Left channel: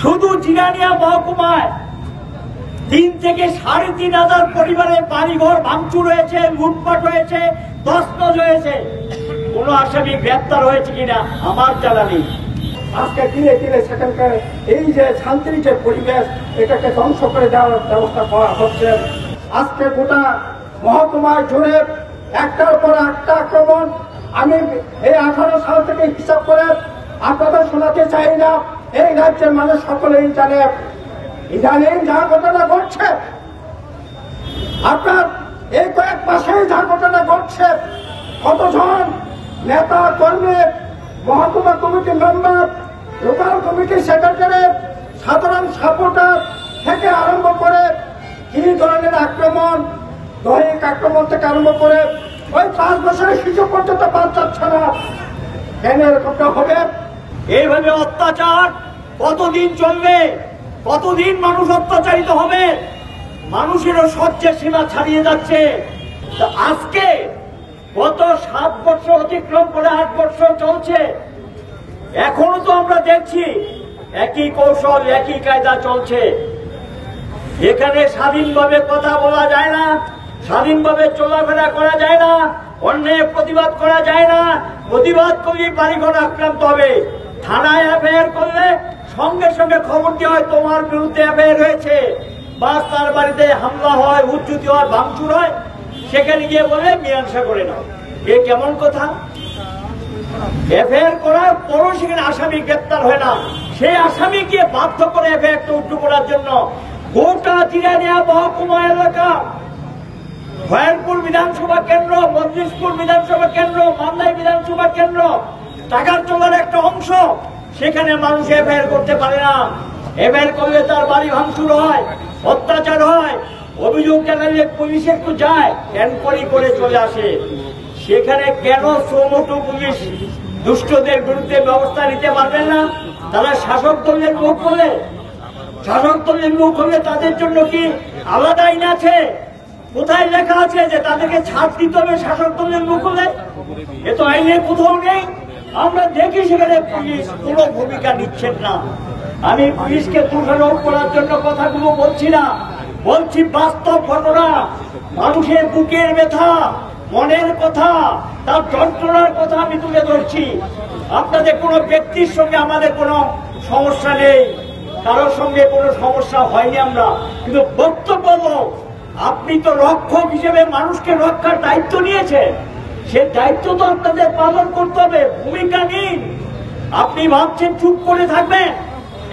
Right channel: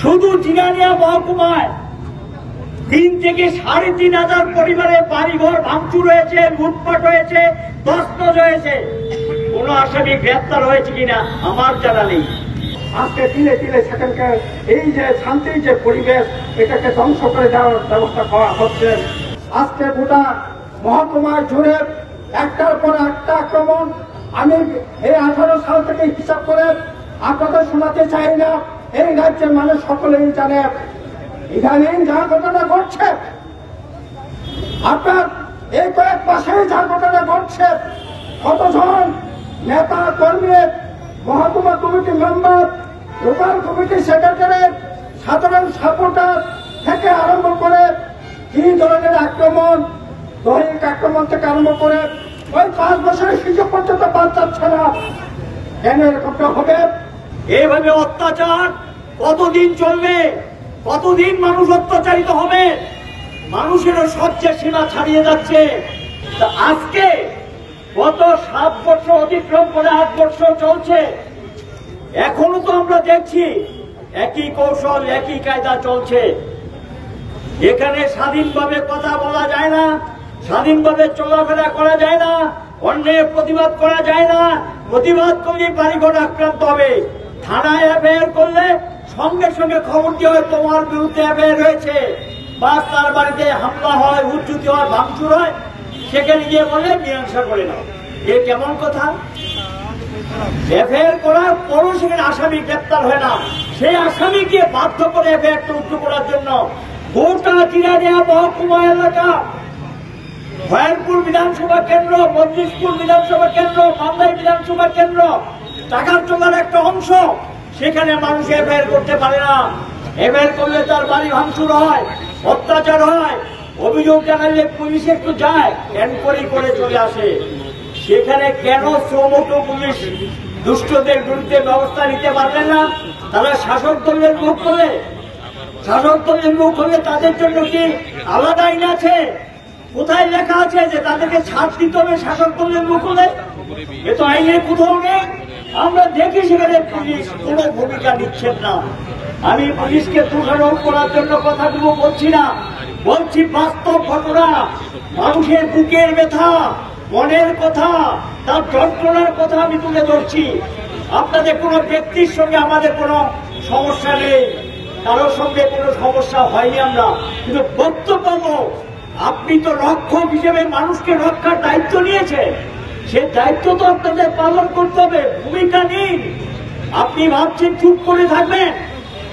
শুধু জিরানিয়া মহকুমায় 3 থেকে 3,500 পরিবারের বাড়িঘর ভাঙচুর হয়েছে, লুটপাট হয়েছে, তছনছ হয়েছে। কোন আসামি গ্রেপ্তার হয়েছে কিনা আমার জানা নেই। আজকে তিলে তিলে সেখানকার এই যে শান্তির যে পরিবেশ, এটাকে ধ্বংস করে দেওয়ার ব্যবস্থা করা হচ্ছে। আজকে গোটা মহকুমায় জুড়ে একটার পর একটা আক্রমণ। আমি এই 18 সাল থেকে হিসাব করে আপনাদের শোনাতে চাই না, এই রাজ্যের মানুষ সকলেই জানে। ইদানিং যা ঘটনা ঘটছে, আপনার এই কয়েক মাসেই যা ঘটনা ঘটছে, কতজন নেতা কর্মী, মহকুমা committee member, local committee secretary, সাধারণ সাপোর্টার থেকে আরম্ভ করে কি ধরনের আক্রমণ, দৈহিক আক্রমণ থেকে আরম্ভ করে ওই 5 বছরের শিশু পর্যন্ত বাদ যাচ্ছে না। কেন এরকমটা হবে? এইভাবে অত্যাচার কতদিন চলবে? কতদিন মানুষ অত্যাচারিত হবে? মানুষেরও সহ্যের সীমা ছাড়িয়ে যাচ্ছে। আজকে গত 7 বছর অতিক্রম করে 8 বছর চলছে, এখনো তো আমরা দেখছি একই কৌশল, একই কায়দা চলছে। এখানে স্বাধীনভাবে কথা বলা যায় না, স্বাধীনভাবে চলাফেরা করা যায় না, অন্যায় প্রতিবাদ করা যায় না। প্রতিবাদ করলে বাড়িঘর আক্রান্ত হবে। থানায় এফআইআর করলে সঙ্গে সঙ্গে খবর দেওয়া হয় তোমার বিরুদ্ধে এফআইআর হয়েছে, বা তার বাড়িতে হামলা হয়, উচ্চুতি হয়, ভাঙচুর হয়, সেখানে গিয়ে বলে মীমাংসা করে নাও। এ কেমন কথা? এফআইআর করার পরও সেখানে আসামি গ্রেপ্তার হয় না। সেই আসামিকে বাধ্য করে এফআইআরটা উচ্চ করার জন্য গোটা জিরানিয়া মহকুমা এলাকা, ভয়ানপুর বিধানসভা কেন্দ্র, মজলিশপুর বিধানসভা কেন্দ্র, মান্দাই বিধানসভা কেন্দ্র, টাকারতলার একটা অংশ, সেখানে মানুষ এফআইআর করতে পারে না। এফআইআর করলে তার বাড়ি ভাঙচুর হয়, অত্যাচার হয়, অভিযোগ জানালে পুলিশ একটু যায়, এনকোয়ারি করে চলে আসে। সেখানে কেন শ্রমটো পুলিশ দুষ্টদের বিরুদ্ধে ব্যবস্থা নিতে পারবে না? তারা শাসক দলের লোক বলে, শাসক দলের লোক হলে তাদের জন্য কি আলাদা আইন আছে? কোথায় লেখা আছে যে তাদেরকে ছাড় দিতে হবে শাসক দলের লোক হলে? এ তো আইনে কোথাও নেই। আমরা দেখি সেখানে পুলিশ কোনো ভূমিকা নিচ্ছেন না। আমি পুলিশকে দোষারোপ করার জন্য কথাগুলো বলছি না, বলছি বাস্তব ঘটনা, মানুষের বুকের ব্যথা, মনের কথা, তার যন্ত্রণার কথা আমি তুলে ধরছি। আপনাদের কোনো ব্যক্তির সঙ্গে আমাদের কোনো সমস্যা নেই, কারোর সঙ্গে কোনো সমস্যা হয়নি আমরা, কিন্তু বক্তব্য আপনি তো রক্ষক হিসেবে মানুষকে রক্ষার দায়িত্ব নিয়েছেন, সেই দায়িত্ব তো আপনাদের পালন করতে হবে। ভূমিকা নিন। আপনি ভাবছেন চুপ করে থাকবেন,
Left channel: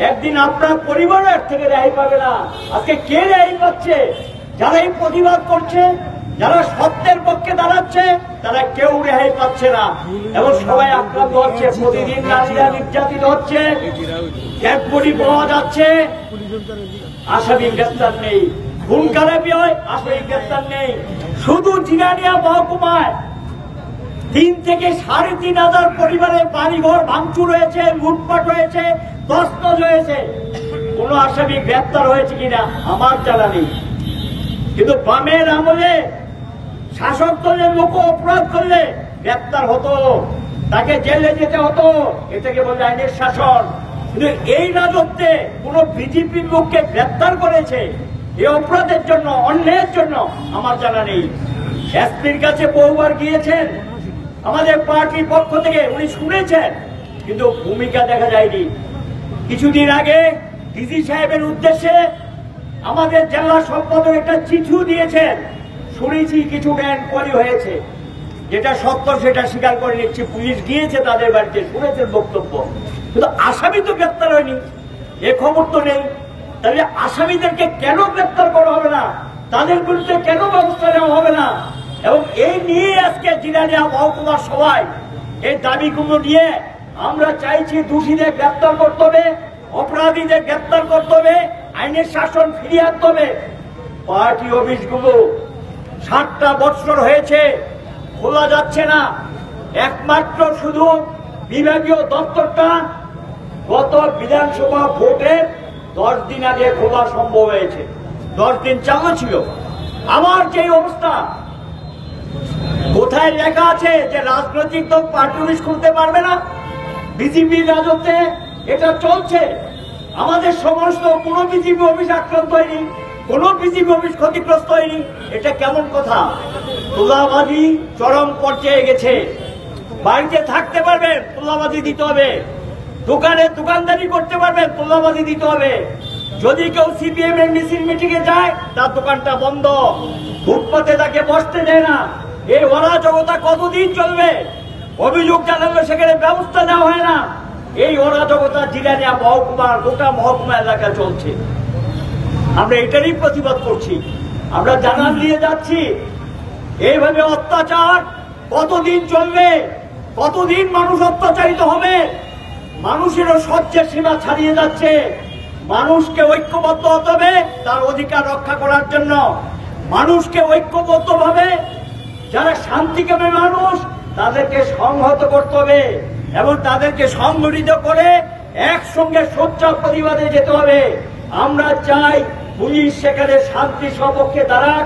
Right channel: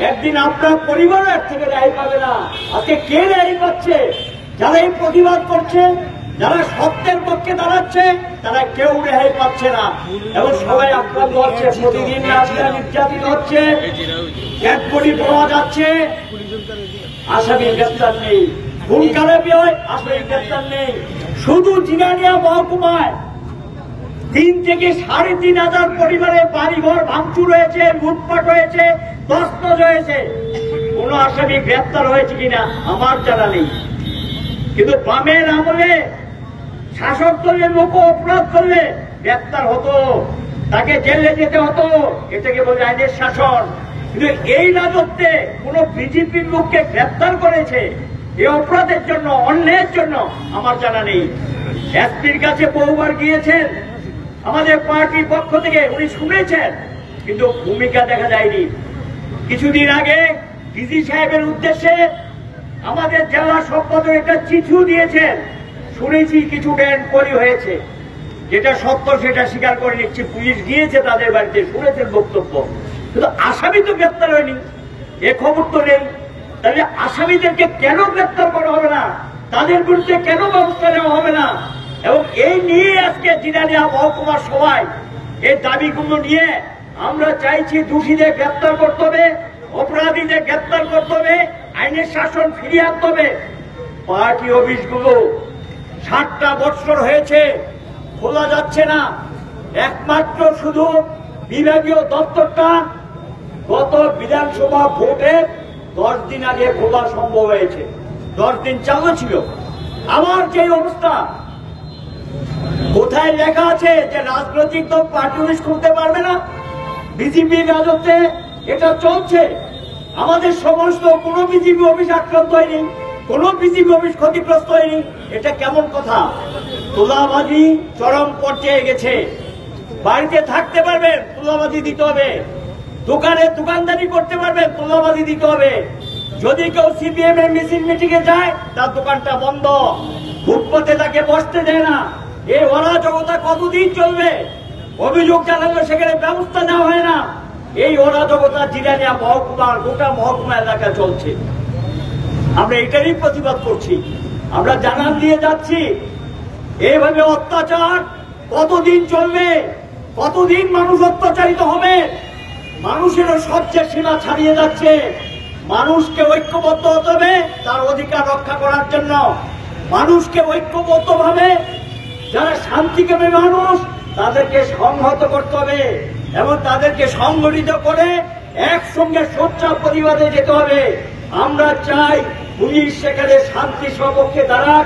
একদিন আপনার পরিবারের থেকে রেহাই পাবে না। আজকে কে রেহাই পাচ্ছে? যারা এই প্রতিবাদ করছে, যারা সত্যের পক্ষে দাঁড়াচ্ছে, তারা কেউ রেহাই পাচ্ছে না এবং সবাই আক্রান্ত হচ্ছে। প্রতিদিন নারীরা নির্যাতিত হচ্ছে, ডেড বডি পাওয়া যাচ্ছে, আসামি গ্রেপ্তার নেই। খুন খারাপি হয়, আসামি গ্রেপ্তার নেই। শুধু জিরানিয়া মহকুমায় 3 থেকে 3,500 পরিবারের বাড়িঘর ভাঙচুর হয়েছে, লুটপাট হয়েছে, তছনছ হয়েছে। কোন আসামি গ্রেপ্তার হয়েছে কিনা আমার জানা নেই। কিন্তু বামের আমলে শাসক দলের লোক অপরাধ করলে গ্রেপ্তার হতো, তাকে জেলে যেতে হতো। এটাকে বলে আইনের শাসন। কিন্তু এই রাজত্বে কোন বিজেপির লোককে গ্রেপ্তার করেছে এই অপরাধের জন্য, অন্যায়ের জন্য আমার জানা নেই। এসপির কাছে বহুবার গিয়েছেন আমাদের পার্টির পক্ষ থেকে, উনি শুনেছেন, কিন্তু ভূমিকা দেখা যায়নি। কিছুদিন আগে ডিসি সাহেবের উদ্দেশ্যে আমাদের জেলা সম্পাদক একটা চিঠিও দিয়েছেন। শুনেছি কিছু এনকোয়ারি হয়েছে, যেটা সত্য সেটা স্বীকার করে নিচ্ছে। পুলিশ গিয়েছে তাদের বাড়িতে, শুনেছেন বক্তব্য, কিন্তু আসামি তো গ্রেপ্তার হয়নি, এ খবর তো নেই। তাহলে আসামিদেরকে কেন গ্রেপ্তার করা হবে না? তাদের বিরুদ্ধে কেন ব্যবস্থা নেওয়া হবে না? এবং এই নিয়ে আজকে জিরানিয়া মহকুমার সবাই এই দাবিগুলো নিয়ে আমরা চাইছি দোষীদের গ্রেপ্তার করতে হবে, অপরাধীদের গ্রেপ্তার করতে হবে, আইনের শাসন ফিরিয়ে আনতে হবে। পার্টি অফিসগুলো 7টা বছর হয়েছে খোলা যাচ্ছে না। একমাত্র শুধু বিভাগীয় দপ্তরটা গত বিধানসভা ভোটের 10 দিন আগে খোলা সম্ভব হয়েছে। 10 দিন চালু ছিল। আমার যে অবস্থা, কোথায় লেখা আছে যে রাজনৈতিক দল পার্টি অফিস খুলতে পারবে না? বিজেপির রাজত্বে এটা চলছে। আমাদের সমস্ত কোনো বিজিবি অফিস আক্রান্ত হয়নি, কোনো বিজিবি অফিস ক্ষতিগ্রস্ত হয়নি। এটা কেমন কথা? তোলাবাজি চরম পর্যায়ে গেছে। বাড়িতে থাকতে পারবেন, তোলাবাজি দিতে হবে। দোকানে দোকানদারি করতে পারবেন, তোলাবাজি দিতে হবে। যদি কেউ সিপিএম এর মিছিল মিটিং এ যায়, তার দোকানটা বন্ধ। ফুটপাতে তাকে বসতে দেয় না। এই অরাজকতা কতদিন চলবে? অভিযোগ জানালে সেখানে ব্যবস্থা নেওয়া হয় না। এই অরাজকতা জিরানিয়া মহকুমার গোটা মহকুমা এলাকায় চলছে। আমরা এটারই প্রতিবাদ করছি। আমরা জানান দিয়ে যাচ্ছি, এইভাবে অত্যাচার কতদিন চলবে? কতদিন মানুষ অত্যাচারিত হবে? মানুষেরও সহ্যের সীমা ছাড়িয়ে যাচ্ছে। মানুষকে ঐক্যবদ্ধ হতে হবে তার অধিকার রক্ষা করার জন্য। মানুষকে ঐক্যবদ্ধভাবে, যারা শান্তিকামী মানুষ, তাদেরকে সংহত করতে হবে এবং তাদেরকে সংগঠিত করে একসঙ্গে সোচ্চার প্রতিবাদে যেতে হবে। আমরা চাই পুলিশ সেখানে শান্তি সপক্ষে দাঁড়াক।